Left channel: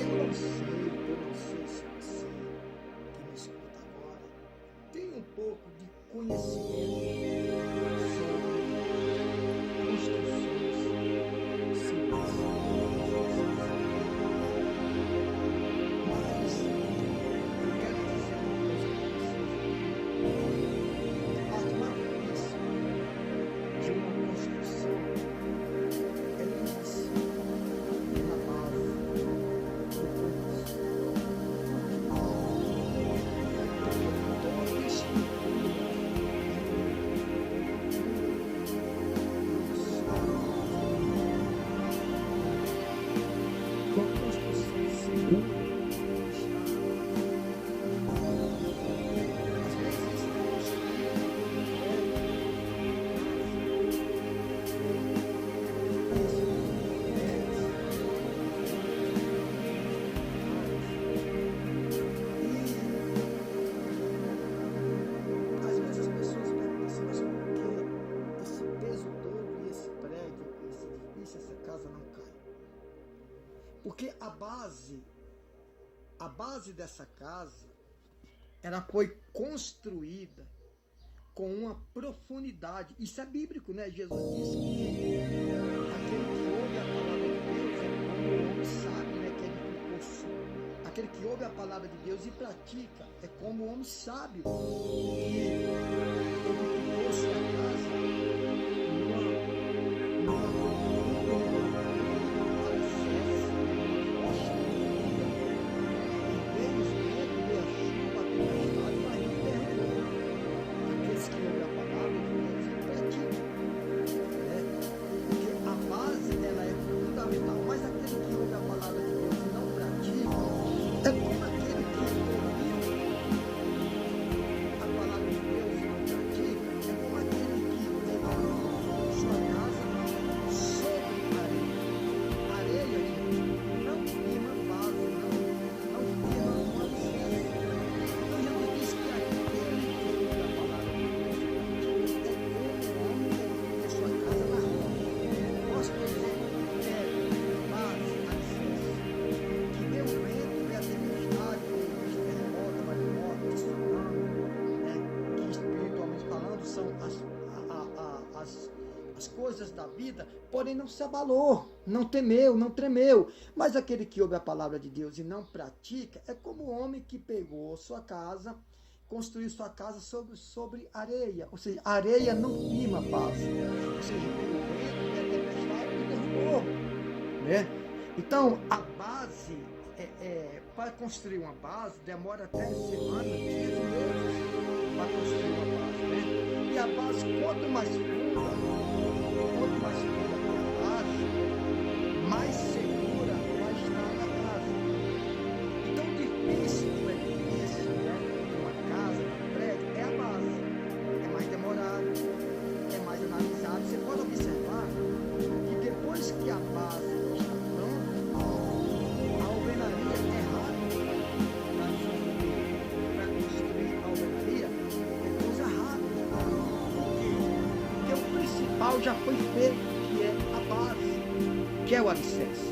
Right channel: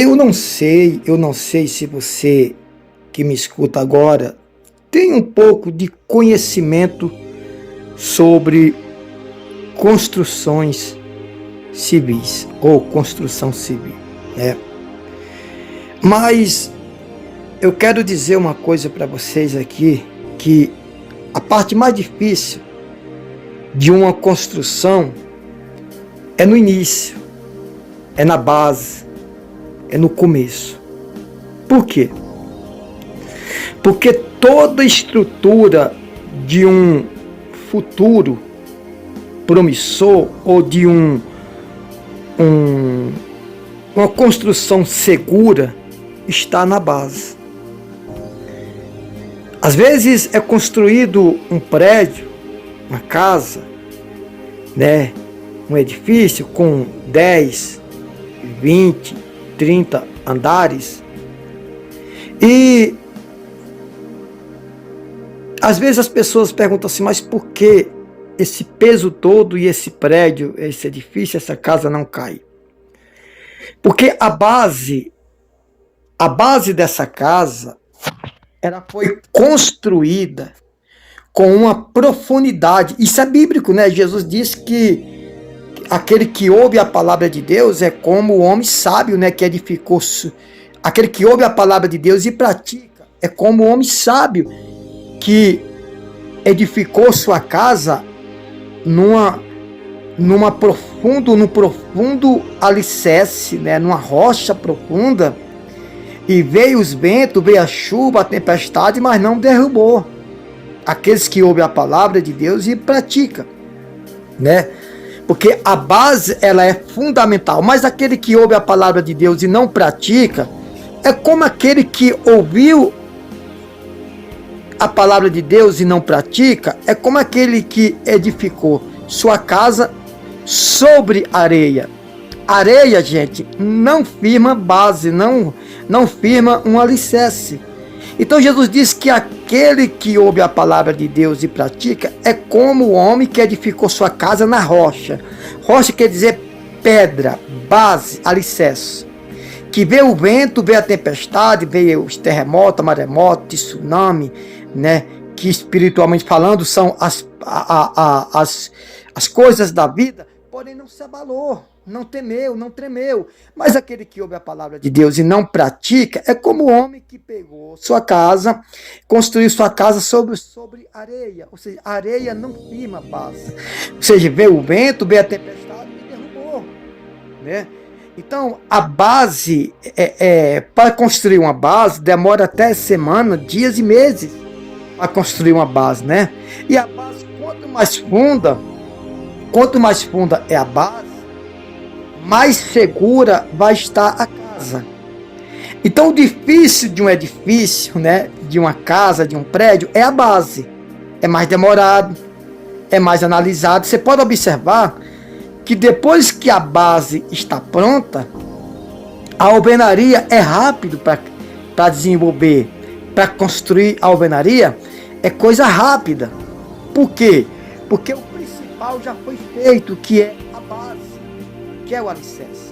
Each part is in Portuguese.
Eu não sei se você que me escuta agora tem um pouco de conhecimento sobre construções civis ou construção civil, né? Mas eu quero dizer uma coisa para vocês aqui, que a parte mais difícil de uma construção é no início, é na base, é no começo. Por quê? Porque toda estrutura de um futuro promissor ou de uma construção segura está na base. Às vezes é construído um prédio, uma casa, né? Um edifício com 10, 20, 30 andares. E às vezes as pessoas perguntam assim, mas por que esse peso todo e esse prédio, esse edifício, essa casa não cai? Porque a base dessa casa, ela foi construída com uma profundidade. Isso é bíblico, né? Jesus disse que aquele que ouve a palavra de Deus é como o homem sábio, né? Que edificou. Aquele que ouve a palavra de Deus e pratica é como o homem sábio que edificou sua casa num profundo alicerce, né? Numa rocha profunda. E veio os ventos, veio a chuva, a tempestade, mas não derrubou. Aqueles que ouvem a palavra de Deus e praticam, né? Porque a base, ela é fundamental. Mas aquele que ouve a palavra de Deus e não pratica, é como aquele que ouviu a palavra de Deus e não pratica, é como aquele que edificou sua casa sobre areia. Areia, gente, não firma base, não firma um alicerce. Então Jesus diz que aquele que ouve a palavra de Deus e pratica é como o homem que edificou sua casa na rocha. Rocha quer dizer pedra, base, alicerce. Que veio o vento, veio a tempestade, veio os terremotos, maremoto, tsunami, né? Que espiritualmente falando são as coisas da vida, porém não se abalou. Não temeu, não tremeu. Mas aquele que ouve a palavra de Deus e não pratica é como o homem que pegou sua casa, construiu sua casa sobre areia. Ou seja, a areia não firma base. Ou seja, veio o vento, veio a tempestade e derrubou, né? Então, a base, para construir uma base, demora até semana, dias e meses para construir uma base, né? E a base, quanto mais funda é a base, mais segura vai estar a casa. Então, o difícil de um edifício, né, de uma casa, de um prédio, é a base. É mais demorado, é mais analisado. Você pode observar que depois que a base está pronta, a alvenaria é rápido para desenvolver, para construir a alvenaria, é coisa rápida. Por quê? Porque o principal já foi feito, que é a base, que é o alicerce.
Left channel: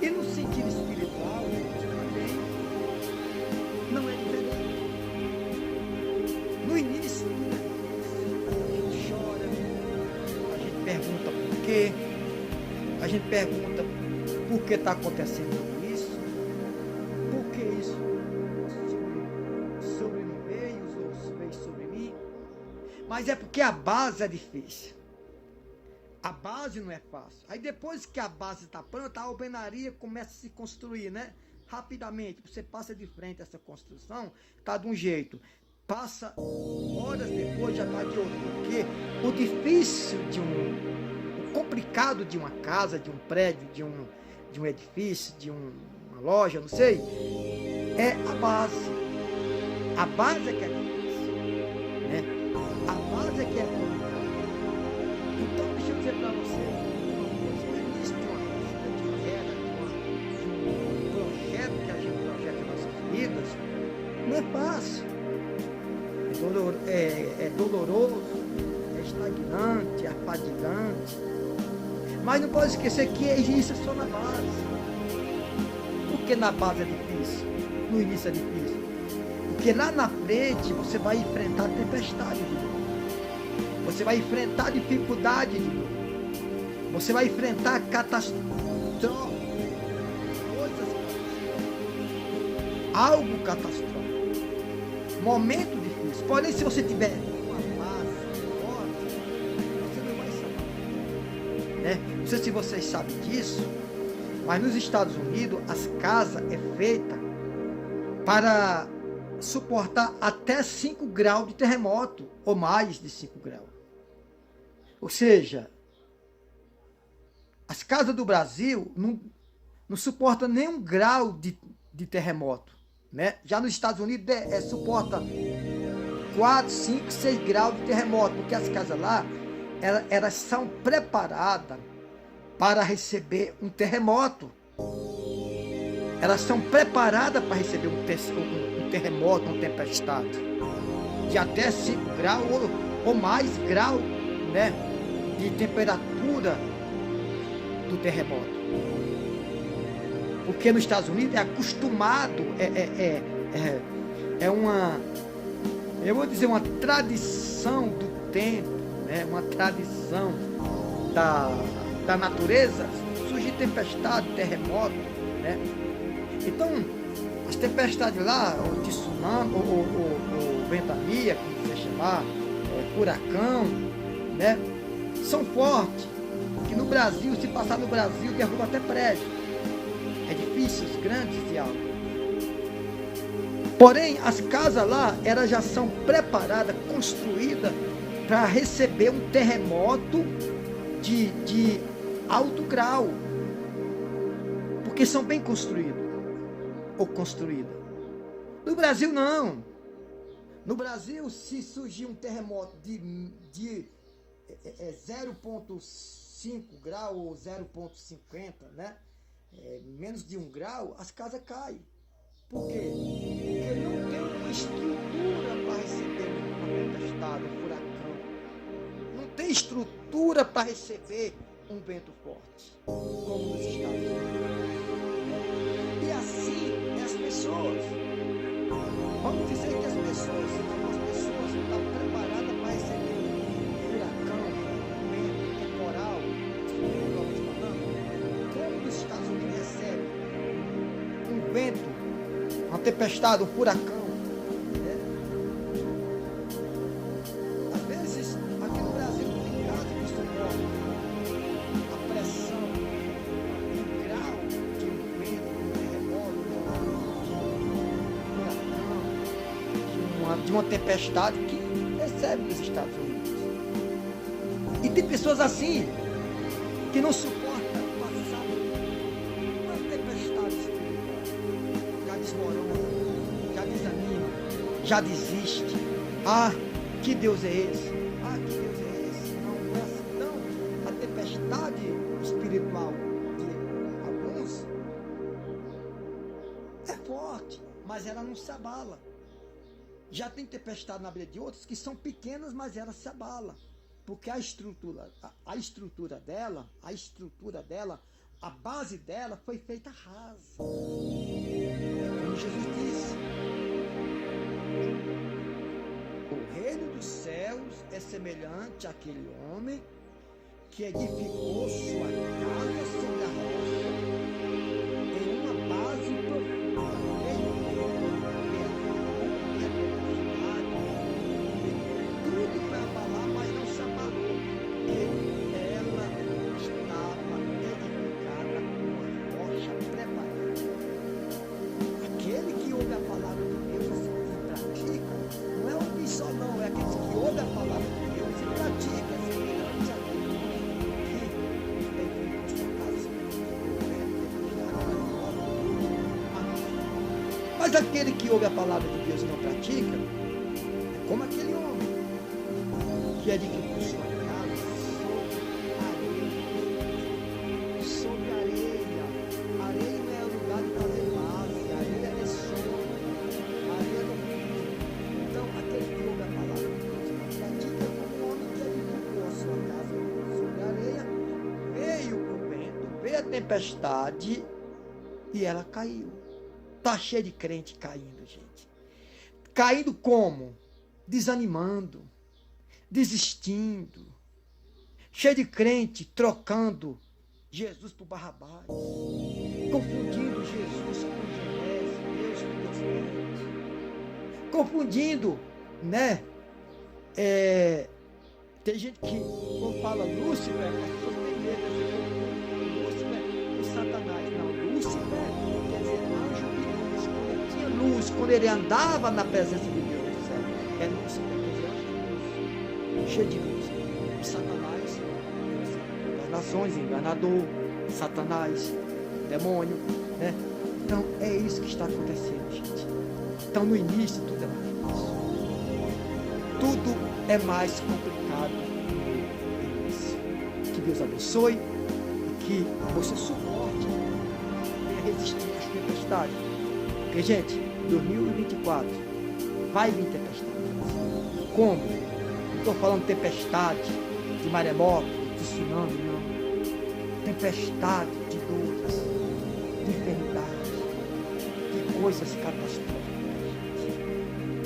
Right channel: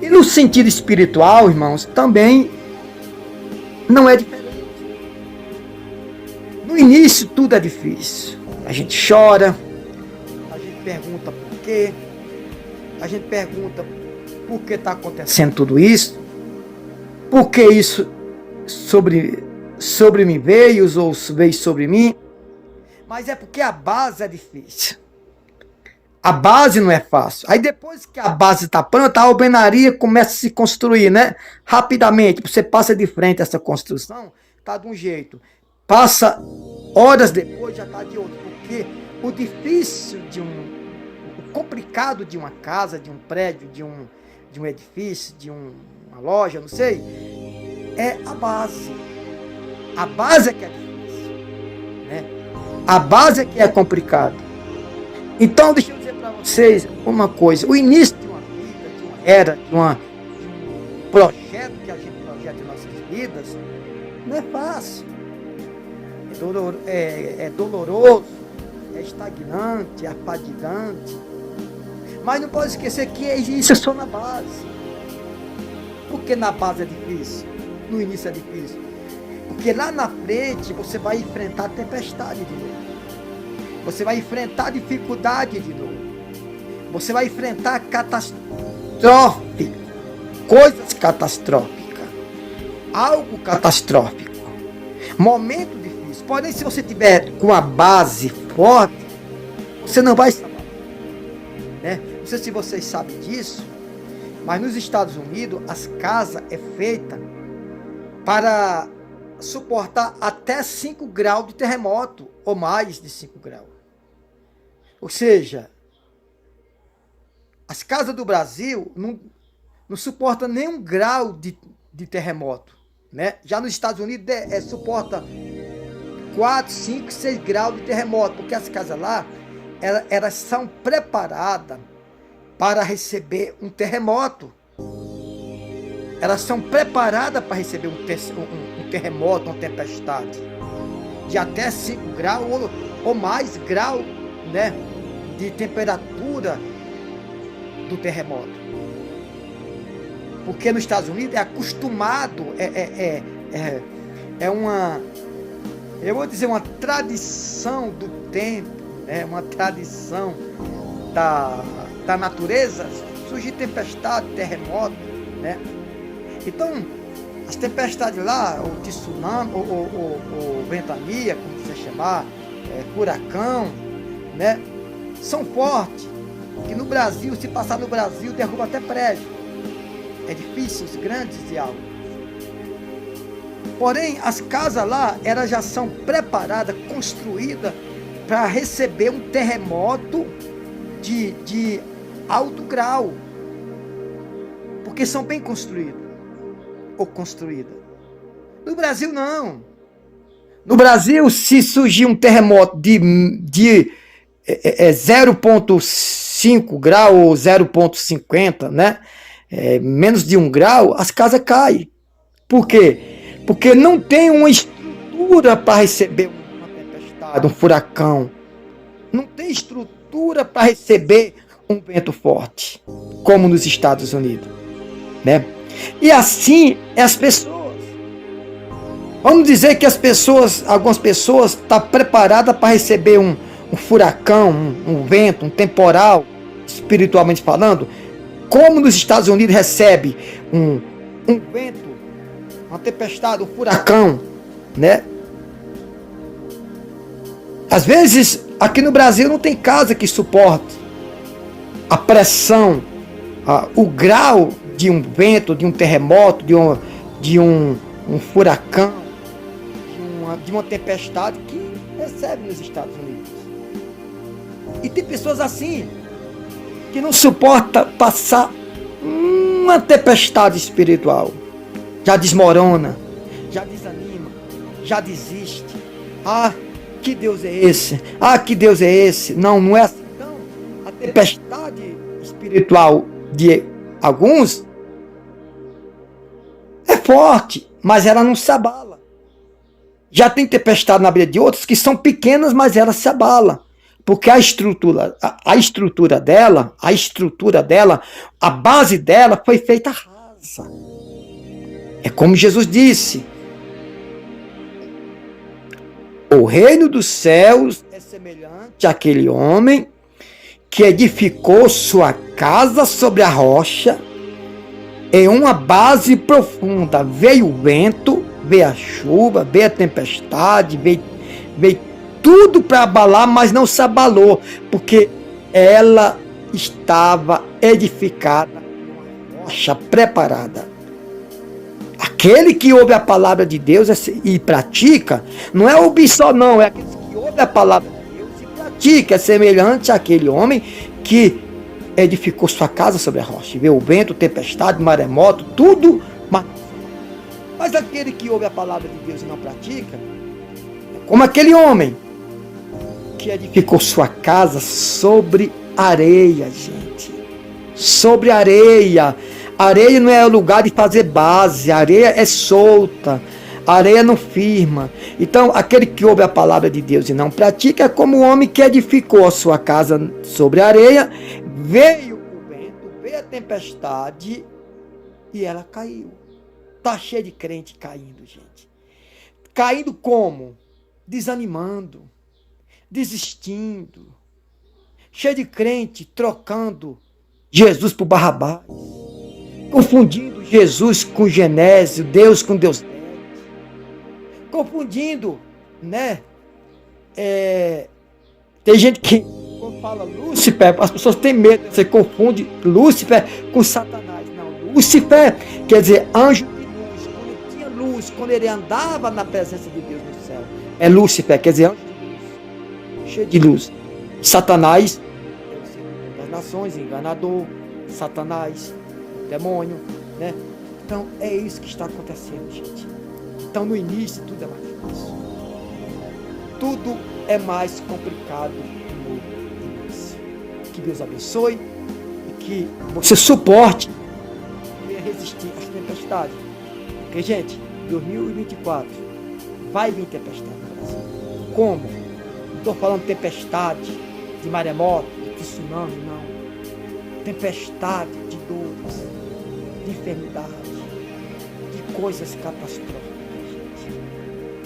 E no sentido espiritual, irmãos, também não é diferente. No início tudo é difícil. A gente chora, a gente pergunta por quê, a gente pergunta por que está acontecendo tudo isso, por que isso sobre mim veio ou veio sobre mim. Mas é porque a base é difícil. A base não é fácil. Aí depois que a base está pronta, a alvenaria começa a se construir, né? Rapidamente. Você passa de frente a essa construção, está de um jeito. Passa horas depois, já está de outro. Porque o difícil o complicado de uma casa, de um prédio, de um edifício, de uma loja, não sei, é a base. A base é que é difícil, né? A base é que é complicado. Então, deixa eu dizer para vocês uma coisa. O início de uma vida, de uma era, de um projeto que a gente projeta em nossas vidas, não é fácil. É doloroso, é estagnante, é afadigante. Mas não pode esquecer que isso é só na base. por que na base é difícil? No início é difícil. Porque lá na frente você vai enfrentar tempestade de novo. Você vai enfrentar dificuldade de novo. Você vai enfrentar catastrófico. Coisas catastróficas. Algo catastrófico. Momento difícil. Porém, se você tiver com a base forte, você não vai saber. Né? Não sei se vocês sabem disso, mas nos Estados Unidos as casas é feita para suportar até 5 graus de terremoto, ou mais de 5 graus. Ou seja, as casas do Brasil não suportam nem 1 grau de terremoto. Né? Já nos Estados Unidos suporta 4, 5, 6 graus de terremoto, porque as casas lá, elas são preparadas para receber um terremoto. Elas são preparadas para receber um terremoto, uma tempestade de até 5 graus ou mais grau, né, de temperatura do terremoto. Porque nos Estados Unidos é acostumado, eu vou dizer, uma tradição do tempo, né, uma tradição da natureza, surgir tempestade, terremoto, né? Então, as tempestades lá, o tsunami, o ventania, como você chamar, furacão, né? São fortes, que no Brasil, se passar no Brasil, derruba até prédio. É difícil, os grandes e altos. Porém, as casas lá, elas já são preparadas, construídas para receber um terremoto de alto grau. Porque são bem construídas. Ou construídas. No Brasil, não. No Brasil, se surgir um terremoto de 0,5 grau ou 0,50, né? Menos de 1 grau, as casas caem. Por quê? Porque não tem uma estrutura para receber uma tempestade, um furacão. Não tem estrutura para receber um vento forte, como nos Estados Unidos, né? E assim as pessoas. Vamos dizer que algumas pessoas estão preparadas para receber um furacão, um vento, um temporal, espiritualmente falando, como nos Estados Unidos recebe um vento, uma tempestade, um furacão, né? Às vezes, aqui no Brasil não tem casa que suporte a pressão, o grau de um vento, de um terremoto, de um furacão, de uma tempestade que recebe nos Estados Unidos. E tem pessoas assim, que não suporta passar uma tempestade espiritual. Já desmorona, já desanima, já desiste. Ah, que Deus é esse? Ah, que Deus é esse? Não é assim. Então, a tempestade espiritual de alguns é forte, mas ela não se abala. Já tem tempestade na vida de outros que são pequenas, mas ela se abala. Porque a estrutura dela, a base dela foi feita rasa. É como Jesus disse: o reino dos céus é semelhante àquele homem que edificou sua casa sobre a rocha, em uma base profunda. Veio o vento, veio a chuva, veio a tempestade, veio tudo para abalar, mas não se abalou, porque ela estava edificada numa rocha preparada. Aquele que ouve a palavra de Deus e pratica, não é ouvir só não, é aquele que ouve a palavra de Deus e pratica, é semelhante àquele homem que edificou sua casa sobre a rocha, veio o vento, tempestade, maremoto, tudo, mas aquele que ouve a palavra de Deus e não pratica, é como aquele homem que edificou sua casa sobre areia, gente. Sobre areia. Areia não é o lugar de fazer base. Areia é solta. Areia não firma. Então, aquele que ouve a palavra de Deus e não pratica é como o homem que edificou a sua casa sobre areia. Veio o vento, veio a tempestade E ela caiu. Tá cheio de crente caindo, gente. Caindo como? Desanimando, desistindo. Cheio de crente trocando Jesus por Barrabás. Confundindo Jesus com Genésio, Deus com Deus. Confundindo, né? Tem gente que, quando fala Lúcifer, as pessoas têm medo. Você confunde Lúcifer com Satanás. Não, Lúcifer quer dizer anjo de luz. Quando ele tinha luz, quando ele andava na presença de Deus no céu. É Lúcifer, quer dizer anjo de luz. Cheio de luz. Satanás, das nações, enganador. Satanás, demônio, né? Então é isso que está acontecendo, gente. Então no início tudo é mais fácil. Tudo é mais complicado no início. Que Deus abençoe e que você suporte e resistir às tempestades. Porque, gente, 2024 vai vir tempestade no Brasil. Como? Não estou falando tempestade de maremoto, de tsunami, não. Tempestade de dores, de enfermidades, de coisas catastróficas.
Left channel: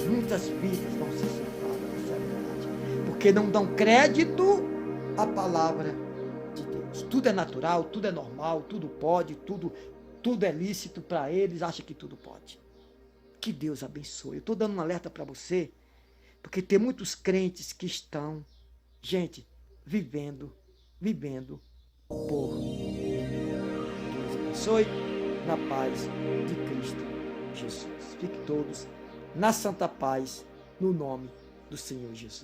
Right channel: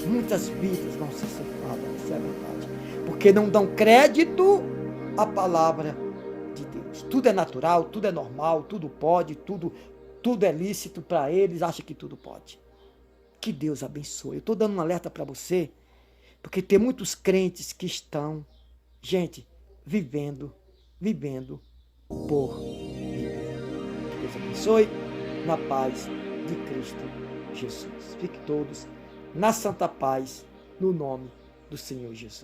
Muitas vidas vão ser cefadas, isso é verdade. Porque não dão crédito à palavra de Deus. Tudo é natural, tudo é normal, tudo pode, tudo é lícito para eles, acham que tudo pode. Que Deus abençoe. Eu estou dando um alerta para você, porque tem muitos crentes que estão, gente, vivendo por viver. Deus abençoe, na paz de Cristo Jesus. Fiquem todos na santa paz, no nome do Senhor Jesus.